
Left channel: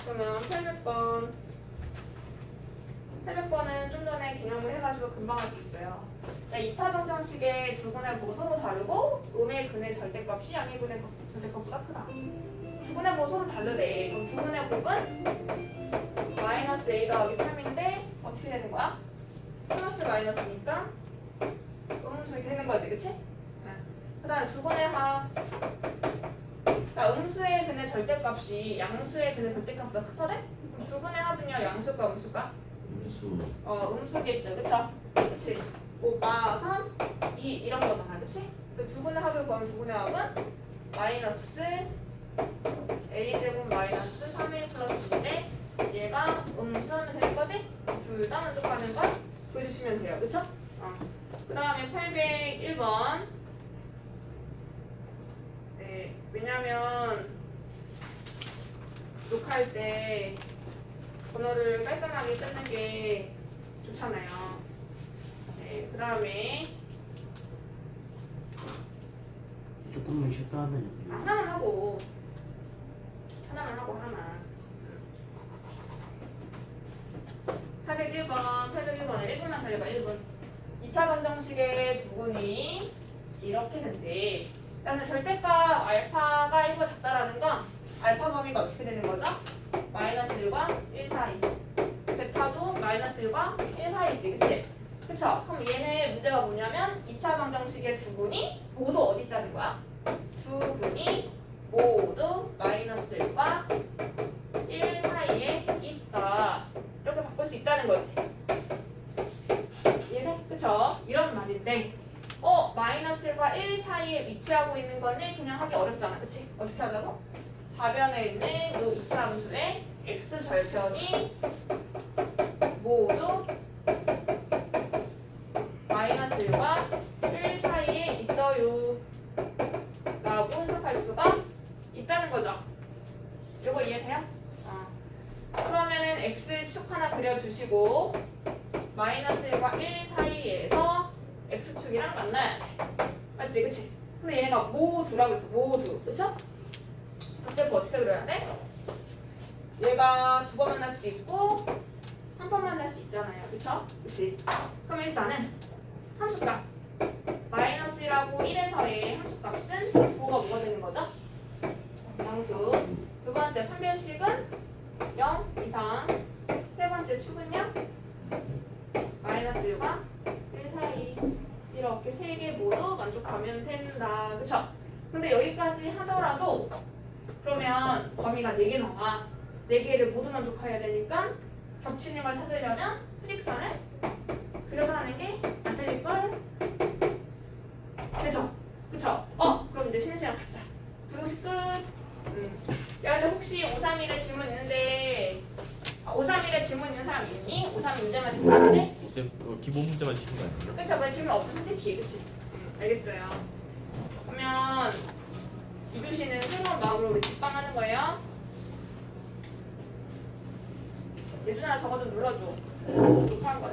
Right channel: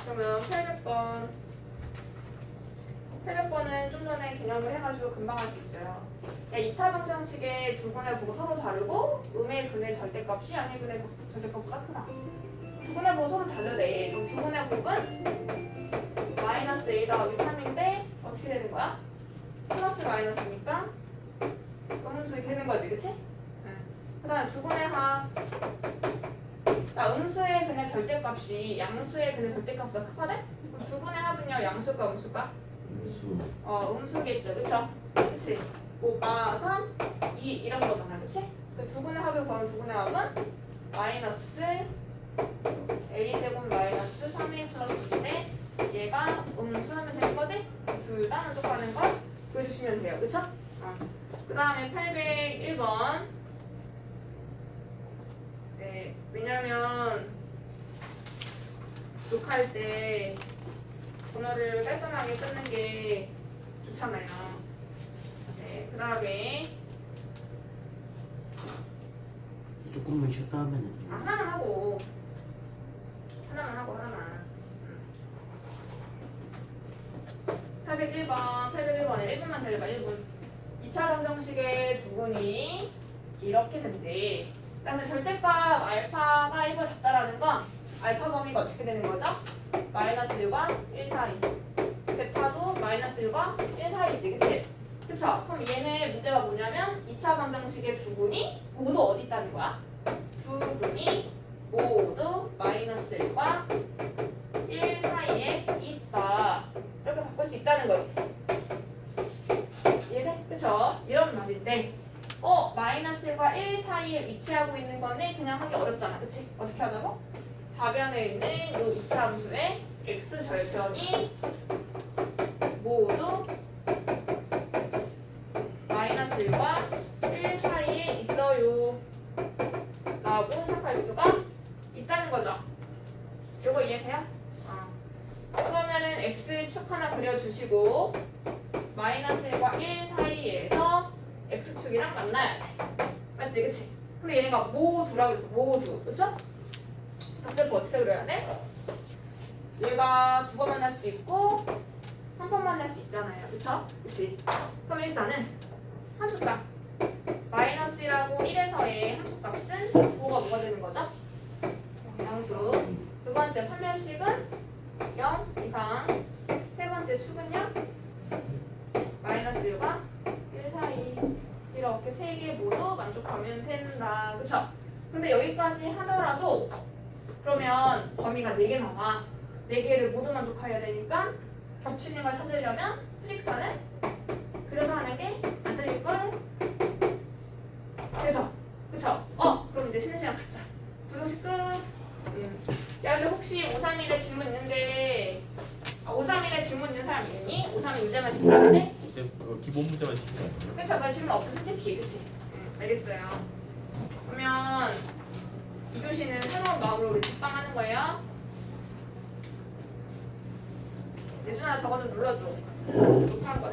그러면 800번. 800번은 좀 전에 개념을 해가지고 금방 할 수 있어요. 그러니까 2차 방정식의 두 분의 보고 서로 다르고 음의 근의 절대값이 양의 근의 절대값보다 크다. 두 분의 보고 서로 다르대. 그럼 두 분의 곱은 마이너스 a 더하기 3인데 어떻게 되는 거야? 플러스 마이너스니까 음수 이렇게 되는 거지, 그치? 그 다음에 두 분의 합. 그러니까 음수의 근의 절대값이 양수의 근의 절대값보다 크거든? 그럼 두 분의 합은요, 양수일까 음수일까? 음수. 음수겠죠, 그쵸? 그치? 5가 3, 2 이런 거잖아, 그치? 그래서 두 분의 합을 구하면 두 분의 합은 마이너스 a제곱 마이너스 3a 플러스인데 얘가 음수하면 되는 거지? 둘 다 만족하는 걸 보여주시면 돼요, 그쵸? 그 다음에 801번. 네, 왜냐면 녹화할 때 번호를 깔끔하게 끊는 게 좋잖아요. 네, 그 다음에 조금만 쉬었다 하면. 하나만 하고 하나만. 801번에 1분만 더 해봐. 1분. 2차 방정식의 두 분이 이렇게 된대. 그래서 절대값 알파가 1보다 작다라는 건 알파 범위가 어떻게 되는 거죠? 마이너스 1과 1 사이. 베타도 마이너스 1과 1 사이지, 그치? 그쵸? 그럼 얘는 문제가 뭐냐면 2차 방정식의 두 분이 모두 어디 있다는 거야? 두 분이 모두 마이너스 1과 1 사이에 있다. 이렇게 바꿀 수 있다는 거지. 이해돼? 그쵸? 이런 말인데 마이너스 1과 1 사이에 위치하고 있는 건데 그냥 하기 어렵잖아. 그치? 어떻게 하자고? 좌변에 있는 이 2차 함수의 x절편이 모두 마이너스 1과 1 사이에 있어요 라고 해석할 수가 있다는 거죠. 요거 이해돼요? 그러면은 x축 하나 그려주시고 마이너스 1과 1 사이에서 x축이랑 만나야 돼. 맞지? 그치? 근데 얘네가 모두라고 했어. 모두. 그쵸? 그때 어떻게 그려야 돼? 얘가 두 번 만날 수도 있고 한 번 만날 수 있잖아요. 그쵸? 그치? 그럼 일단은 함수값 마이너스 1하고 1에서의 함수값은 뭐가 되는 거죠? 양수. 두 번째 판별식은 0 이상. 세 번째 축은요? 마이너스 1과 1 사이. 이렇게 세 개 모두 만족하면 된다. 그쵸? 근데 여기까지 하더라도 그러면 범위가 4개 나와. 4개를 모두 만족해야 되니까 겹치는 걸 찾으려면 수직선을 그려서 하는 게 안 틀릴걸? 그쵸? 그쵸? 그럼 이제 쉬는 시간 갖자. 부동식 끝. 야, 근데 혹시 531에 질문 있는데 531에 질문 있는 사람 있니? 531 문제만 질문인데? 이제 기본 문제만 시키면 안 돼요? 그쵸? 왜 질문 없어? 솔직히 그치? 알겠어요. 그러면 2교시는 새로운 마음으로 우리 집방하는 거예요. 예준아 저거 좀 눌러줘. 녹화한 거.